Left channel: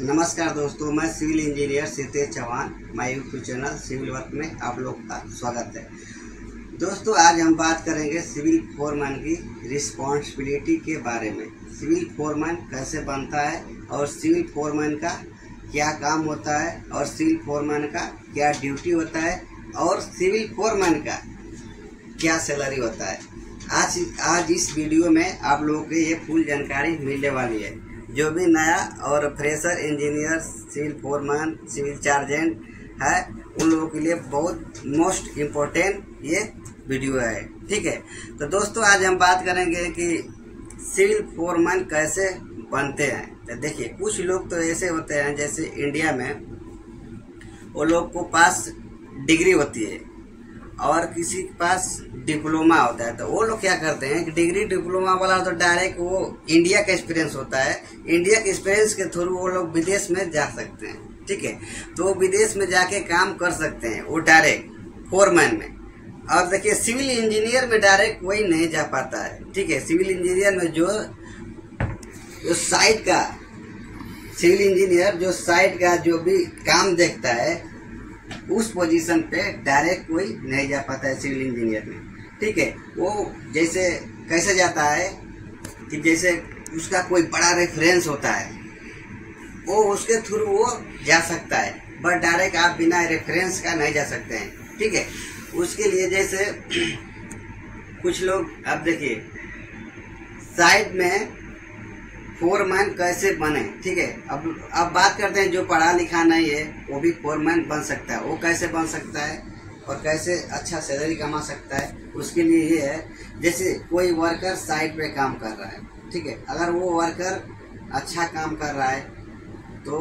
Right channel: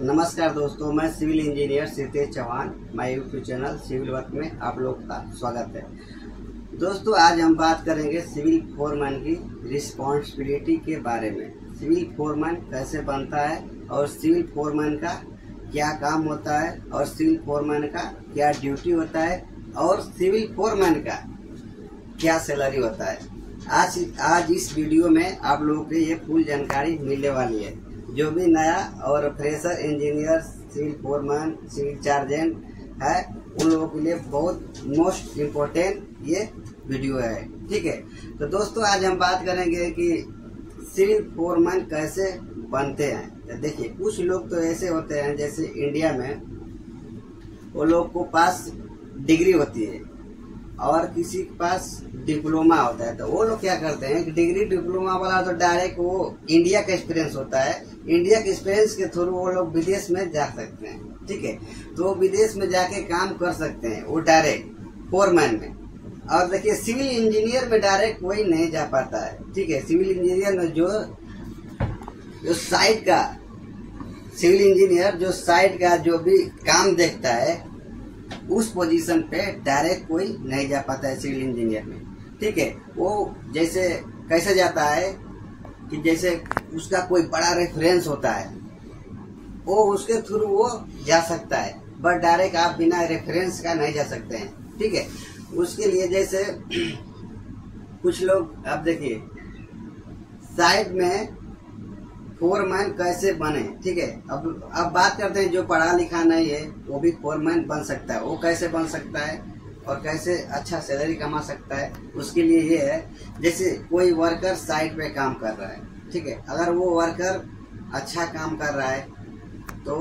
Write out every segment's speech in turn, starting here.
नमस्कार दोस्तों, मैं civil engineer Sitesh Chauhan. My YouTube channel civil work में आप लोग का स्वागत है। दोस्तों, आज हम बात करेंगे सिविल फोरमैन की रिस्पॉन्सिबिलिटी के बारे में। सिविल फोरमैन कैसे बनता है और सिविल फोरमैन का क्या काम होता है और सिविल फोरमैन का क्या ड्यूटी होता है और सिविल फोरमैन का क्या सैलरी होता है। आज इस वीडियो में आप लोगों को ये फुल जानकारी मिलने वाली है। जो भी नया और fresher engineer, civil foreman, civil चार्जेंट है, उन लोगों के लिए बहुत मोस्ट इम्पोर्टेंट ये वीडियो है। ठीक है, तो दोस्तों आज हम बात करेंगे कि सिविल फोरमैन कैसे बनते हैं। तो देखिए, कुछ लोग तो ऐसे होते हैं, जैसे इंडिया में वो लोग को पास डिग्री होती है और किसी के पास डिप्लोमा होता है। तो वो लोग क्या करते हैं कि डिग्री डिप्लोमा वाला तो डायरेक्ट वो इंडिया का एक्सपीरियंस होता है, इंडिया के एक्सपीरियंस के थ्रू वो लोग विदेश में जा सकते हैं। ठीक है, तो विदेश में जाके काम कर सकते हैं वो डायरेक्ट फोरमैन में। और देखिए, सिविल इंजीनियर में डायरेक्ट वही नहीं जा पाता है। ठीक है, सिविल इंजीनियर में जो साइट का सिविल इंजीनियर जो साइट का जो भी काम देखता है, उस पोजीशन पे डायरेक्ट कोई नहीं जा पाता है सिविल इंजीनियर में। ठीक है, वो जैसे कैसे जाता है कि जैसे उसका कोई बड़ा रेफरेंस होता है, वो उसके थ्रू वो जा सकता है, बट डायरेक्ट आप बिना रेफरेंस का नहीं जा सकते हैं। ठीक है, उसके लिए जैसे कुछ लोग, आप देखिए साइट में फोरमैन कैसे बने। ठीक है, अब बात करते हैं जो पढ़ा लिखा नहीं है वो भी फोरमैन बन सकता है। वो कैसे बन सकता है और कैसे अच्छा सैलरी कमा सकता है, उसके लिए ये है, जैसे कोई वर्कर साइट पे काम कर रहा है। ठीक है, अगर वो वर्कर अच्छा काम कर रहा है तो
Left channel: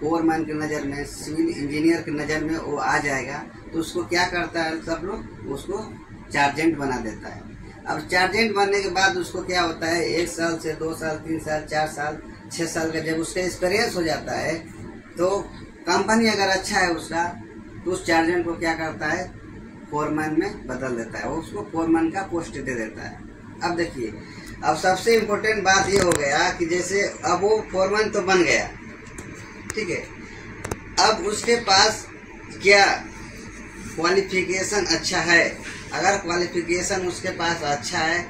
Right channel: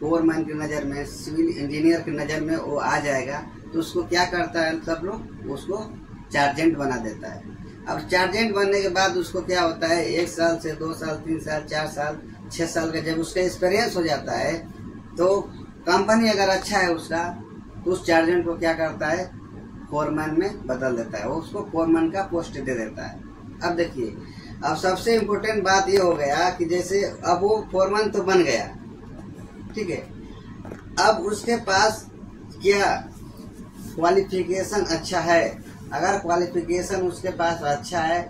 फोरमैन की नज़र में, सिविल इंजीनियर की नज़र में वो आ जाएगा। तो उसको क्या करता है, सब लोग उसको चार्जेंट बना देता है। अब चार्जेंट बनने के बाद उसको क्या होता है, 1 साल से 2 साल 3 साल 4 साल 6 साल का जब उसका एक्सपीरियंस हो जाता है, तो कंपनी अगर अच्छा है उसका, तो उस चार्जेंट को क्या करता है, फोरमैन में बदल देता है, वो उसको फोरमैन का पोस्ट दे देता है। अब देखिए, अब सबसे इम्पोर्टेंट बात ये हो गया कि जैसे अब वो फोरमैन तो बन गया। ठीक है, अब उसके पास क्या क्वालिफिकेशन अच्छा है। अगर क्वालिफिकेशन उसके पास अच्छा है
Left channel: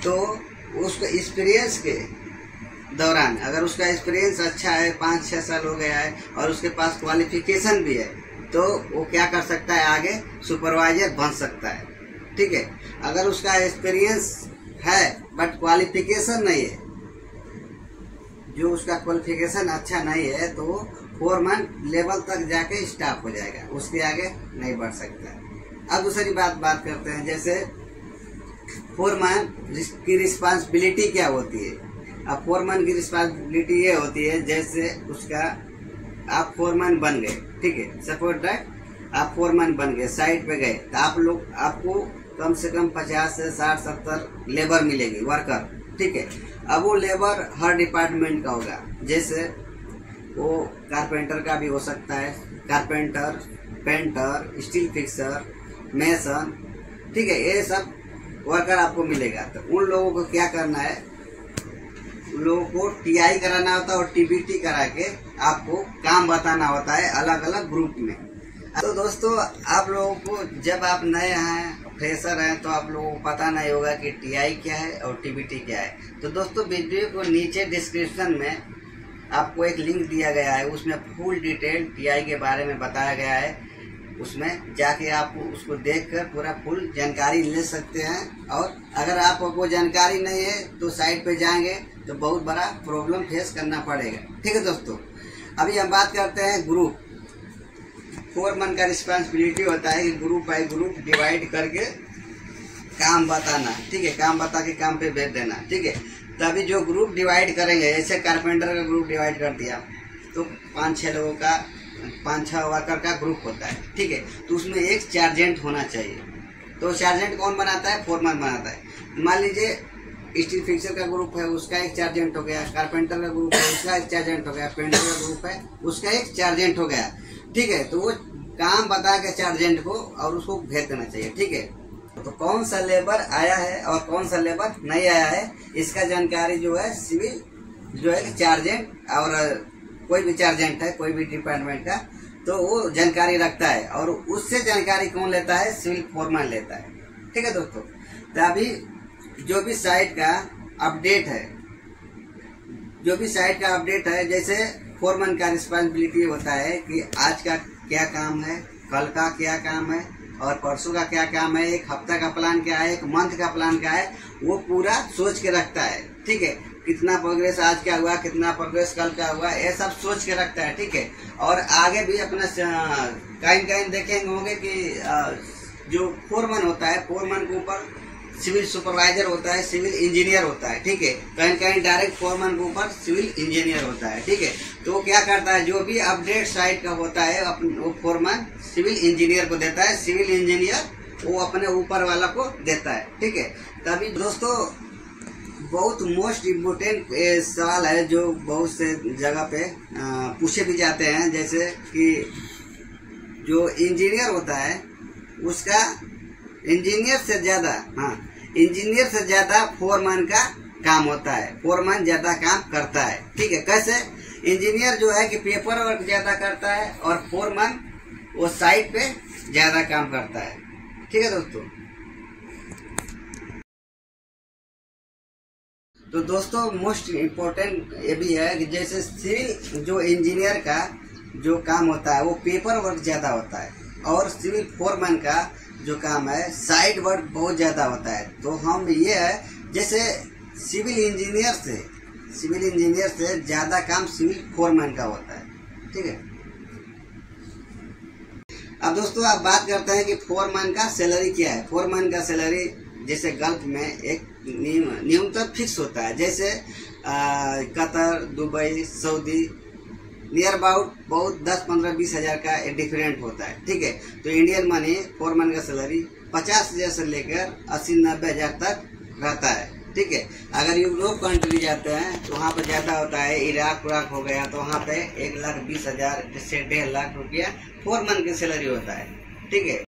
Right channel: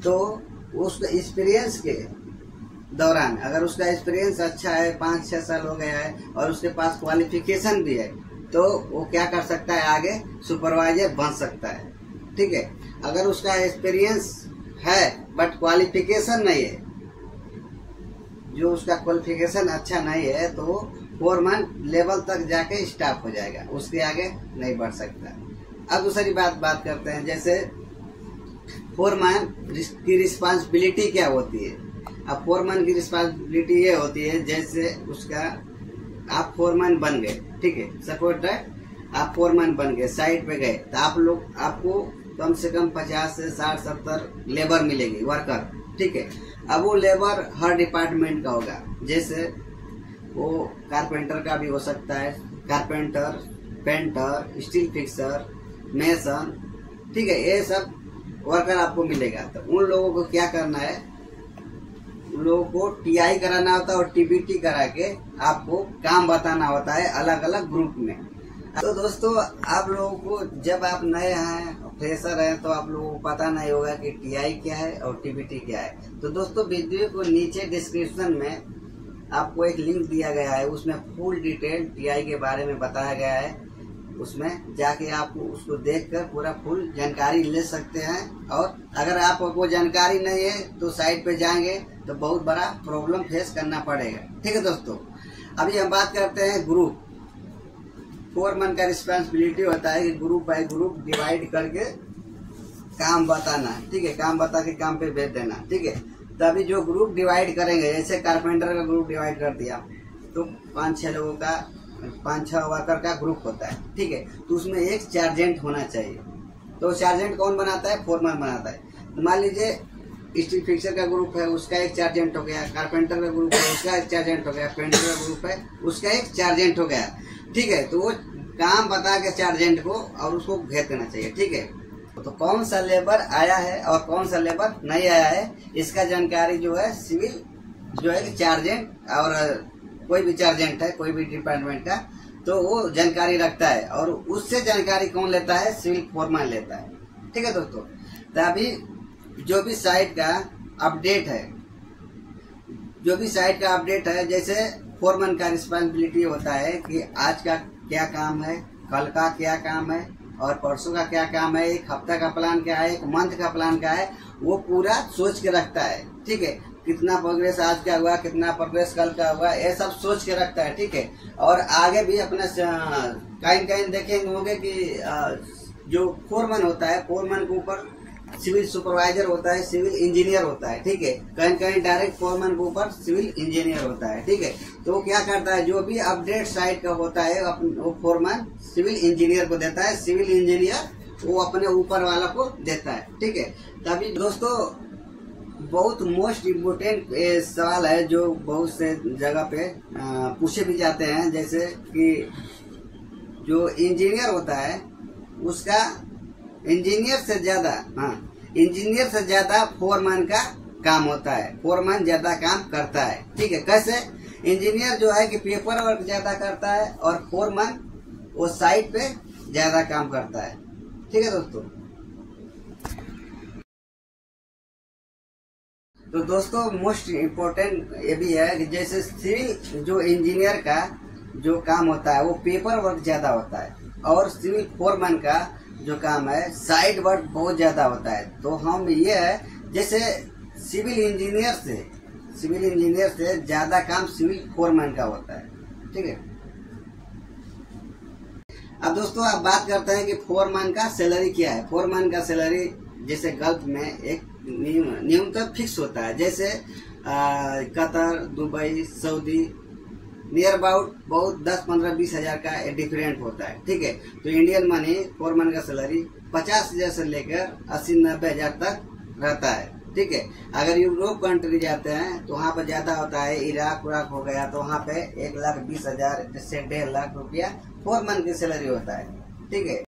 तो उसको एक्सपीरियंस के दौरान, अगर उसका एक्सपीरियंस अच्छा है, 5-6 साल हो गया है और उसके पास क्वालिफिकेशन भी है, तो वो क्या कर सकता है, आगे सुपरवाइजर बन सकता है। ठीक है, अगर उसका एक्सपीरियंस है बट क्वालिफिकेशन नहीं है, जो उसका क्वालिफिकेशन अच्छा नहीं है, तो फोरमैन लेवल तक जाके स्टाफ हो जाएगा, उसके आगे नहीं बढ़ सकता। अब दूसरी बात करते हैं, जैसे फोरमैन की रिस्पांसिबिलिटी क्या होती है। अब फोरमैन की रिस्पांसिबिलिटी ये होती है, जैसे उसका आप फोरमैन बन गए। ठीक है, सपोज दैट आप फोरमैन बन गए, साइट पे गए, तो आपको कम से कम 50 से 60-70 लेबर मिलेगी, वर्कर। ठीक है, अब वो लेबर हर डिपार्टमेंट का होगा, जैसे वो कारपेंटर का भी हो सकता है, carpenter, painter, steel fixer, mason. ठीक है, ये सब वर्कर आपको मिलेगा। तो उन लोगों को क्या करना है, उन लोगों को टीआई कराना होता है और टीबीटी करा के आपको काम बताना होता है अलग अलग ग्रुप में। तो दोस्तों, आप लोगों को, जब आप नए हैं, फ्रेशर हैं, तो आप लोगों को पता नहीं होगा कि टीआई क्या है और टीबीटी क्या है। तो दोस्तों, वीडियो को नीचे डिस्क्रिप्शन में आपको एक लिंक दिया गया है, उसमें फुल डिटेल टीआई के बारे में बताया गया है। उसमें जाके आप उसको देखकर पूरा फुल जानकारी ले सकते हैं। और अगर आपको जानकारी नहीं है तो साइट पे जाएंगे तो बहुत बड़ा प्रॉब्लम फेस करना पड़ेगा। ठीक है दोस्तों, अभी हम बात करते हैं ग्रुप। फोरमैन का रिस्पांसिबिलिटी होता है कि ग्रुप बाय ग्रुप डिवाइड करके काम बताना। ठीक है, काम बता के काम पे भेज देना। ठीक है, तभी जो ग्रुप डिवाइड करेंगे, जैसे कारपेंटर का ग्रुप डिवाइड कर दिया तो 5-6 लोगों का, 5-6 वर्कर का ग्रुप होता है। ठीक है, तो उसमें एक चार्जेंट होना चाहिए। तो चार्जेंट कौन बनाता है, फोरमैन बनाता है। मान लीजिए स्टील फिक्सर का ग्रुप है, उसका एक चार्जेंट हो गया, कारपेंटर का ग्रुप है, उसका एक चार्जेंट हो गया, पेंटर का ग्रुप है, उसका एक चार्जेंट हो गया। ठीक है, तो वो काम बता के चार्जेंट को और उसको भेज देना चाहिए। ठीक है, तो कौन सा लेबर आया है और कौन सा लेबर नहीं आया है, इसका जानकारी जो है सिविल जो है चार्जेंट और कोई भी चार्जेंट है कोई भी डिपार्टमेंट का, तो वो जानकारी रखता है और उससे जानकारी कौन लेता है? सिविल फोरमैन लेता है। ठीक है दोस्तों, तो अभी जो भी साइट का अपडेट है, जैसे फोरमैन का रिस्पॉन्सिबिलिटी होता है कि आज का क्या काम है, कल का क्या काम है और परसों का क्या काम है, एक हफ्ता का प्लान क्या है, एक मंथ का प्लान क्या है, वो पूरा सोच के रखता है। ठीक है, कितना प्रोग्रेस आज का हुआ, कितना प्रोग्रेस कल का हुआ, ये सब सोच के रखता है। ठीक है, और आगे भी अपना कहीं देखेंगे होंगे कि जो फोरमैन होता है, फोरमैन के ऊपर सिविल सुपरवाइजर होता है, सिविल इंजीनियर होता है। ठीक है, कहीं डायरेक्ट फोरमैन के ऊपर सिविल इंजीनियर होता है। ठीक है, तो वो क्या करता है, जो भी अपडेट साइट का होता है वो फोरमैन सिविल इंजीनियर को देता है, सिविल इंजीनियर वो अपने ऊपर वाला को देता है। ठीक है, तभी दोस्तों बहुत मोस्ट इम्पोर्टेंट सवाल है जो बहुत से जगह पे पूछे भी जाते हैं, जैसे कि जो इंजीनियर होता है उसका इंजीनियर से ज्यादा फोरमैन का काम होता है, फोरमैन ज्यादा काम करता है। ठीक है, कैसे? इंजीनियर जो है कि पेपर वर्क ज्यादा करता है और फोरमैन वो साइट पे ज्यादा काम करता है। ठीक है दोस्तों, तो दोस्तों मोस्ट इम्पोर्टेंट ये भी है कि जैसे सिविल जो इंजीनियर का जो काम होता है वो पेपर वर्क ज्यादा होता है और सिविल फोरमैन का जो काम है साइड वर्क बहुत ज्यादा होता है। तो हम ये है जैसे सिविल इंजीनियर से ज्यादा काम सिविल फोरमैन का होता है। ठीक है, अब दोस्तों आप बात करते हैं कि फोरमैन का सैलरी क्या है। फोरमैन का सैलरी जैसे गल्फ में एक न्यूनतम फिक्स होता है, जैसे Qatar, Dubai, Saudi near about बहुत 10-15-20 हज़ार का डिफरेंट होता है। ठीक है, तो इंडियन मनी फोरमैन का सैलरी 50,000 से लेकर 80-90 हज़ार तक रहता है। ठीक है, अगर यूरोप कंट्री जाते हैं तो वहाँ पर ज़्यादा होता है, इराक हो गया तो वहाँ पे 1,20,000 से 1.5 लाख रुपया फोरमैन की सैलरी होता है। ठीक है।